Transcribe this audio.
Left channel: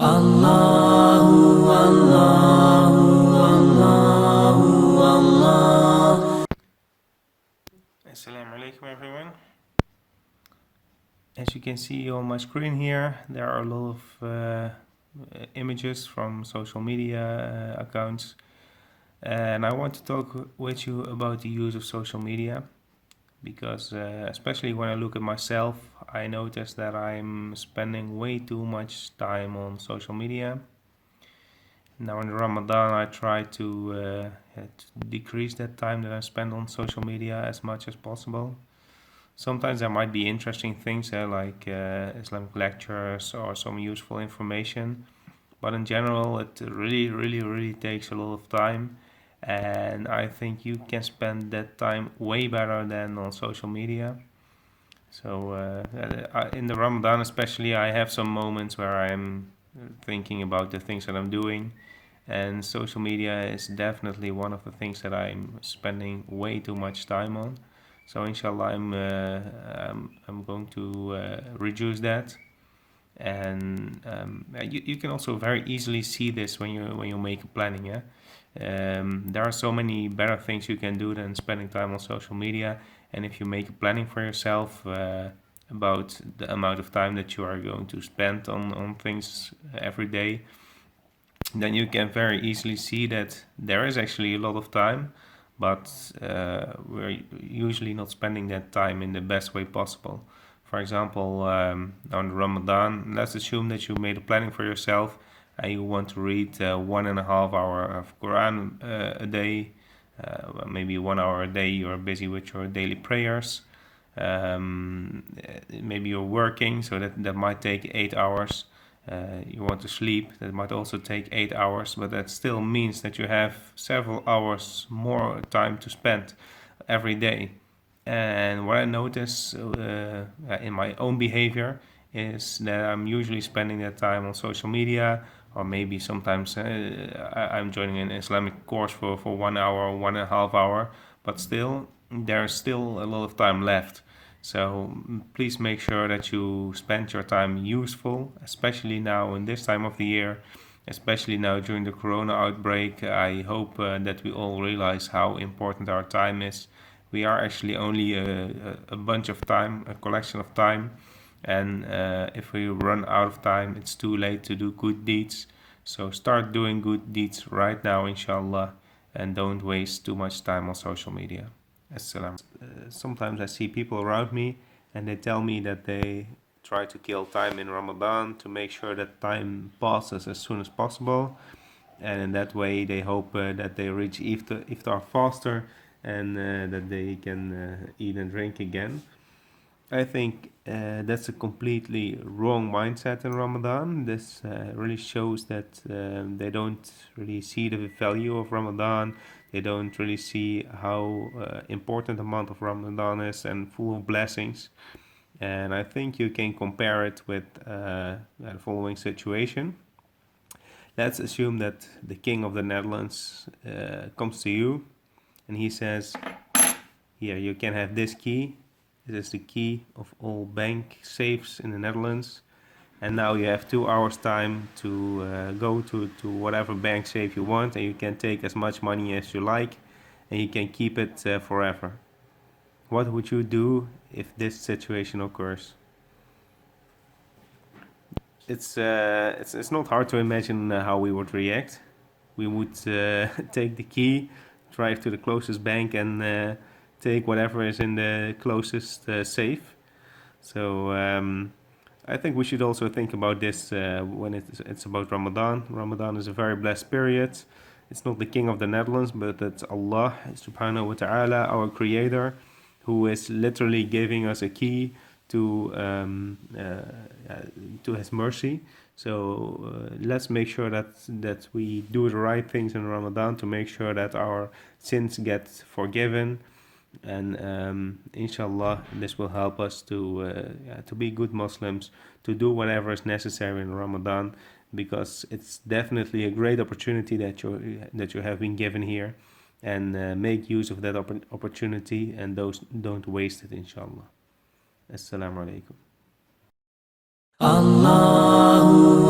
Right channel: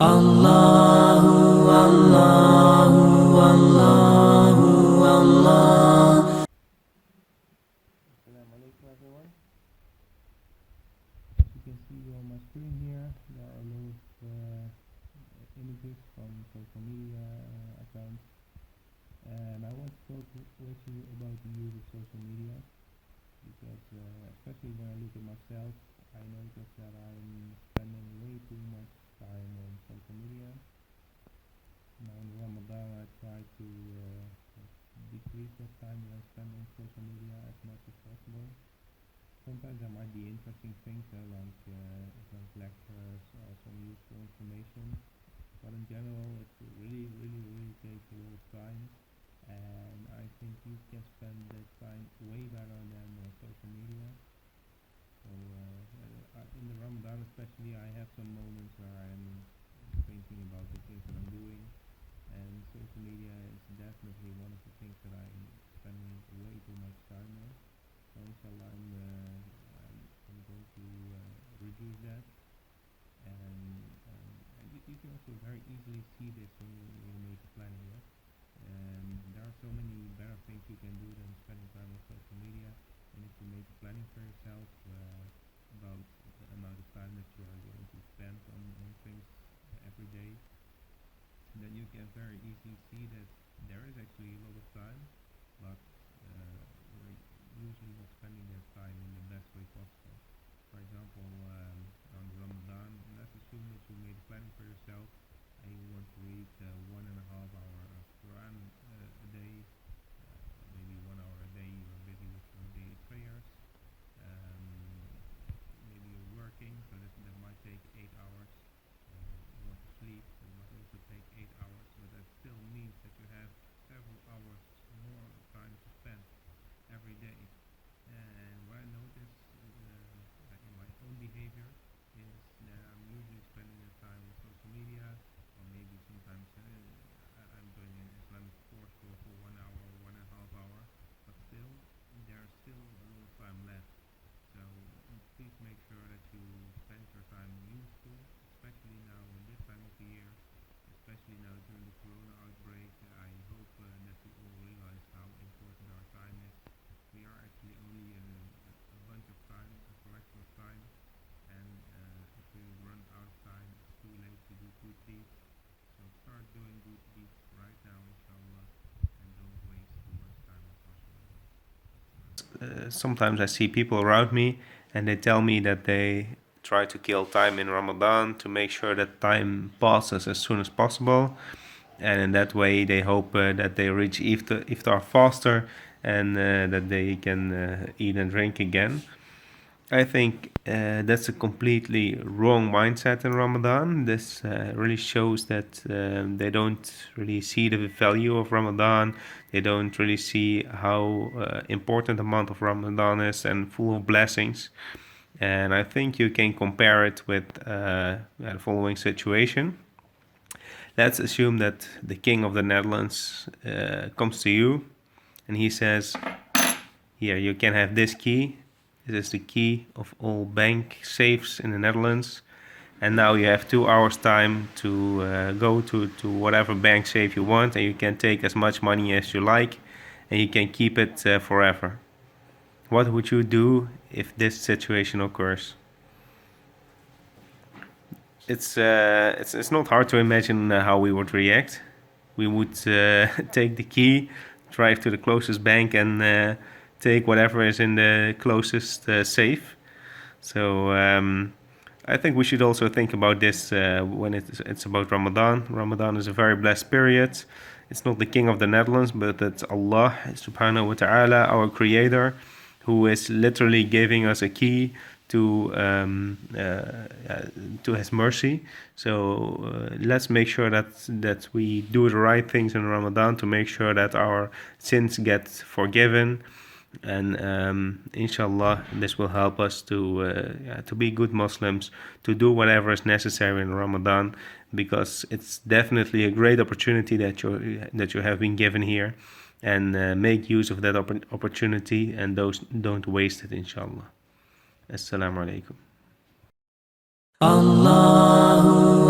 Allahu, Allahu, Allahu, Allah. Assalamu alaikum everyone. As you can see on my screen here, there are a lot of images from social media accounts, and I want to talk with you about the use of social media because especially when I look at myself, I notice that I'm spending way too much time on social media. Now in Ramadan, I try to decrease that time that I spend on social media as much as possible. Sometimes there might be interesting things like Islamic lectures or some useful information, but in general, it really takes a lot of time, and I think you can spend that time way better than on social media. So in the Ramadan, especially, I have some moments where I'm thinking about the things that I'm doing, and social media is definitely one of the things that I'm spending way too much time on. So inshallah, I'm going to reduce that, and you can also very easily see this when you make planning. Yeah, there are so many better things you can do than spending time on social media, and if you make a planning for yourself about the amount of time that you are going to spend on things every day, then you can very easily see that there is actually a lot of time, but we're usually not spending that time in the best way possible. For example, on Ramadan, let's assume that you made a planning for yourself and you want to read 1.5 hour of Quran a day. Maybe 1 hour a day you're busy with your daily prayers. Maybe you're working, so that might take 8 hours. You want to sleep, that might also take 8 hours, but that still means that you have several hours more time to spend every day. And what I notice in my own behavior is that I'm usually spending that time on social media, or maybe sometimes I'm joining an Islamic course for 1 hour, 1.5 hour, but still, there's still a lot of time left. So please make sure that you spend your time useful, especially now in this time of the year, especially now during the corona outbreak. I hope that we all realize how important our time is. We are actually only a bunch of time, a collection of time, and if we run out of time, it's too late to do good deeds. So start doing good deeds right now, inshallah, and don't waste too much time on social media. Sometimes I see people around me and they tell me that they try to kill time in Ramadan to make sure that time passes as soon as possible. And in that way, they hope that they reach iftar faster and that they can eat and drink again. I think that's a completely wrong mindset in Ramadan. This really shows that they don't really see the value of Ramadan. They don't really see how important the month of Ramadan is and full of blessings. And I think you can compare it with the following situation. Let's assume that the king of the Netherlands comes to you and he says, here, you can have this key. This is the key of all bank safes in the Netherlands. And now you have 2 hours time to go to whatever bank safe you want, and you can take as much money as you like, and you can keep it forever. What would you do if this situation occurs? It's not hard to imagine how we would react. We would take the key, drive to the closest bank, and take whatever is in the closest safe. So I think we should also think about this when it's about Ramadan. Ramadan is a very blessed period. It's not the king of the Netherlands, but it's Allah subhanahu wa ta'ala, our creator, who is literally giving us a key to his mercy. So let's make sure that we do the right things in Ramadan to make sure that our sins get forgiven, and inshallah this will help us to be good Muslims, to do whatever is necessary in Ramadan, because it's definitely a great opportunity that you have been given here, and make use of that opportunity, and don't waste it, inshallah. Assalamu alaikum. Allahu